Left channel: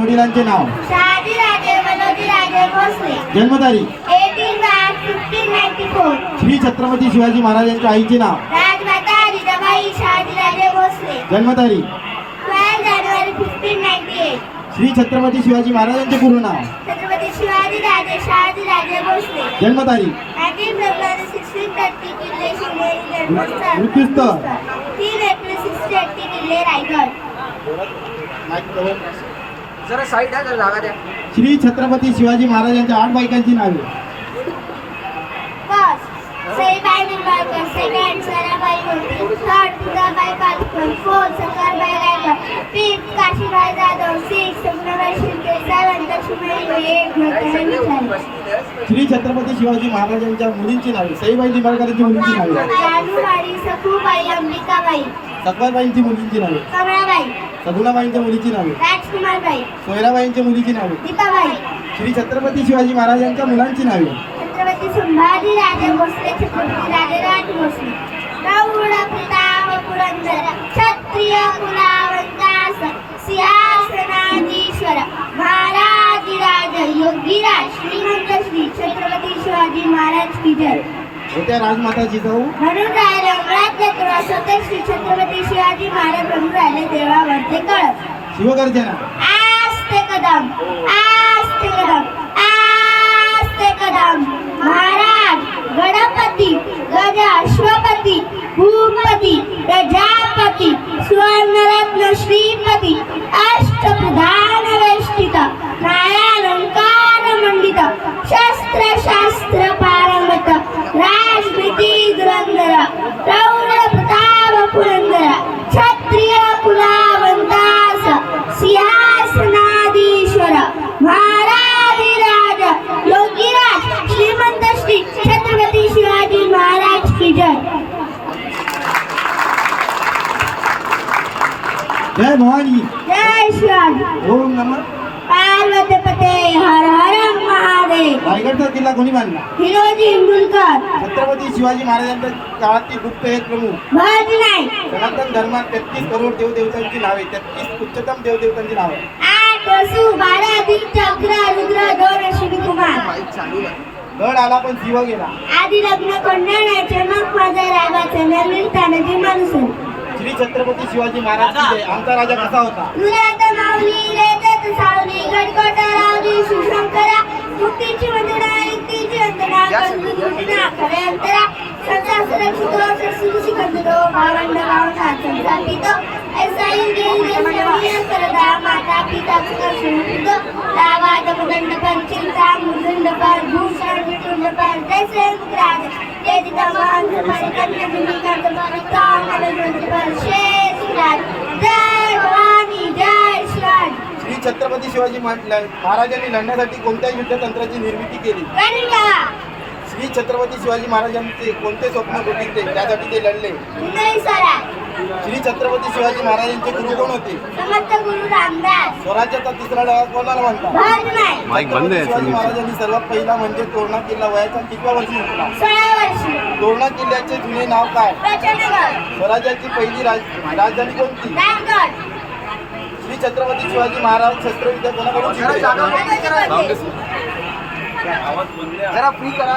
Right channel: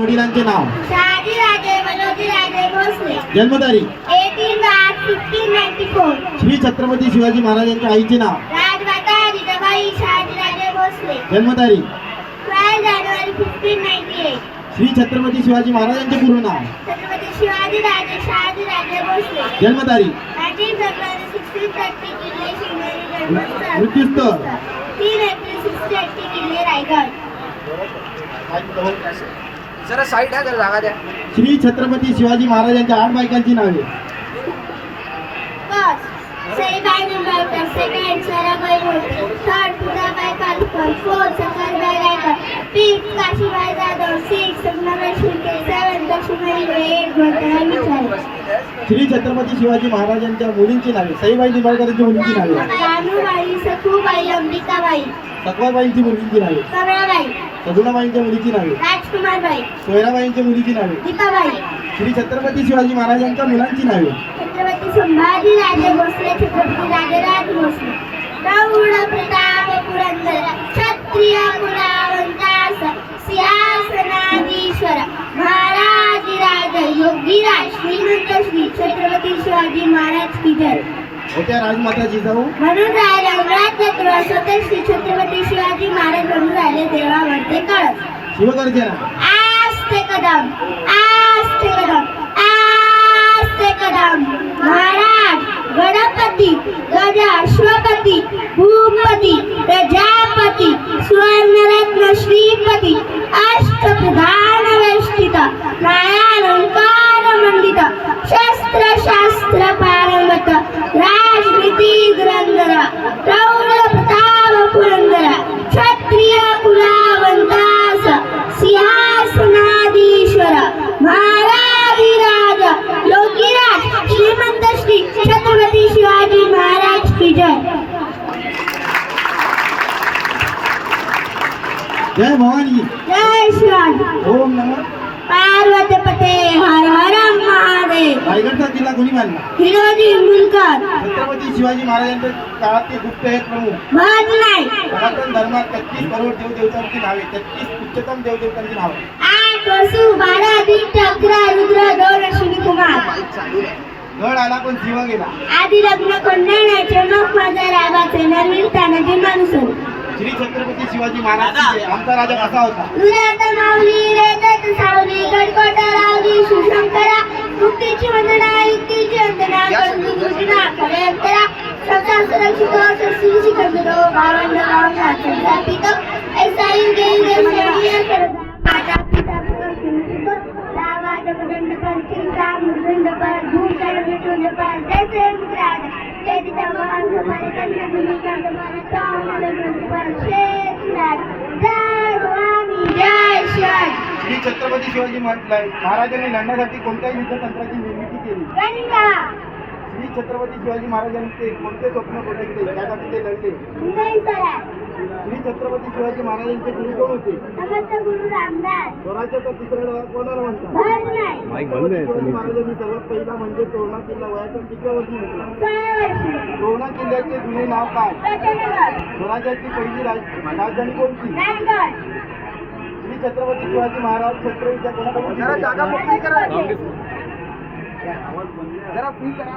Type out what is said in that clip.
वडिलांचे नाव. शहाजीराजे मनोजीराजे भोसले. जन्मतारीख 18 मार्च 1594. श्री छत्रपती शिवाजी महाराजांच्या आईचे नाव. राजमाता जिजाबाई शहाजीराजे भोसले. जन्मतारीख 12 जानेवारी 1598. श्री छत्रपती शिवाजी महाराजांचे पूर्ण नाव. छत्रपती शिवाजीराजे शहाजीराजे भोसले. जन्मतारीख 19 फेब्रुवारी 1630 किल्ले शिवनेरी जन्मस्थळ. मृत्यूस्थळ 3 एप्रिल 1680 किल्ले रायगड. जरा साईड आहे, जरा जागा द्या. श्री छत्रपती शिवाजी महाराजांच्या 8 बायकांची नावे. First Saibai Nimbalkar. Second Sarabai Holkar. Third Tulabai Palkar. Fourth Shankarbai Gaikwad. Fifth Kashibai Jadhav. Sixth Sapnabai Shirke. Seventh Lakshmibai Ghole. Eight Ghotray Misal. Shri Chhatrapati Shivaji महाराजांच्या मुलींची नावे. सईबाई निंबाळकरांची मुलींची नावे. रानूबाई. सखूबाई. अंबिकाबाई. सकवारबाईंची मुलींची नावे. कमळाबाई. सगुणाबाईंच्या मुलीची नावे. राजकुमारबाई. सोयराबाईंच्या मुलीची नावे. दीपाबाई. श्री छत्रपती शिवाजी महाराजांच्या मुलांची नावे. छत्रपती संभाजीराजे भोसले. छत्रपती राजराज भोसले. प्रौढ प्रताप पुरंदर. क्षत्रिय कुलावंतास सिंहासनाधीश्वर महाराजिराज योगीराज श्रीमंत श्री छत्रपती शिवाजी महाराज की जय. होत्या राजमाता जिजाऊ. म्हणून राहिले अंगणात तुळस होते. श्री छत्रपती शिवाजी महाराज म्हणून राहिले देवावरते कळस. शिवगर्जना. आस्ते कदम. आस्ते कदम. आस्ते कदम. महाराज गणपती गज अश्वपती भूपती प्रजापती सुवर्णरत्न श्रीपती अष्टप्रधान वेष्टित नायालंकार मंडित शस्त्र शास्त्र पारंगत राजनीती धुरंधर प्रौढ प्रताप पुरंदर क्षत्रिय कुलावंतास सिंहासनाधीश्वर महाराजिराज योगीराज श्रीमंत श्री छत्रपती शिवाजी महाराज की जय. जय भवानी. जय शिवाजी. ओम नमः पार्वतीपते हर हर महादेव. रायगडचा किल्ला कोणी बांधला? हिरोजी इंदुलकर. छत्रपती शिवाजी महाराजांच्या काळातील गुप्त एक प्रमुख. भज नाही. सनातन धर्मात 33 करोड देवदेवतांची नावे. 33 उच्चतम देवदेवतांची नावे. 8 वसु 12 आदित्य 11 रुद्र 2 अश्विनी कुमार. गड आला पण शिव गेला. आधी लग्न कोंडाण्याचे मग माझा राबाचा नवीन तानाजी माणूसन. श्री छत्रपती शिवाजी महाराज की जय. आमचा राजा कसा होता? दुर्यात माऊली रेतत सावली गडकोटा रावली शिवशंकरा मुक्तीची वंदना युक्तीची वंदना कंदुना खरे अंतरा सचा सुरक्षित श्री सिकंदरो भावंड भावना संतापित ऐसा इंद्रिय शरीर करदा माता पिता सुखित दावाद मुदंड पर चिंता मुदंड पर भूषण विटुंड पर जैसे मुद्राज यदि तमाम पर कन्या भूमिका कामल मुंड पर शेष राज. जय भवानी. जय शिवाजी. श्री छत्रपती शिवाजी महाराजांनी लढण्यासाठी कोणत्या युद्धतंत्राची निर्मिती केली? गणिका. श्री छत्रपती शिवाजी महाराजांचे कोणते स्वप्न बघितले त्यासाठी ते लढले? इंद्राई सराय. श्री छत्रपती शिवाजी महाराजांचे गुरु कोण होते? समर्थ गुरु रामदास. स्वराज्याचा तिसरा डोळा कोणाला म्हणतात? भज नाही. शिवाजी महाराजांनी सर्वात पहिला म्हणजे तोरणा किल्ला वयाच्या कितव्या वर्षी होता? 16 वर्षी. तोरणा किल्ल्याचे जुने नाव काय? प्रचंडगड. स्वराज्याची पहिली राजधानी कोणती? राजगड. श्री छत्रपती शिवाजी महाराज शस्त्रविद्या कोणाकडून जरा शिकले? जागा मोकळी करा. जरा फ्री करा.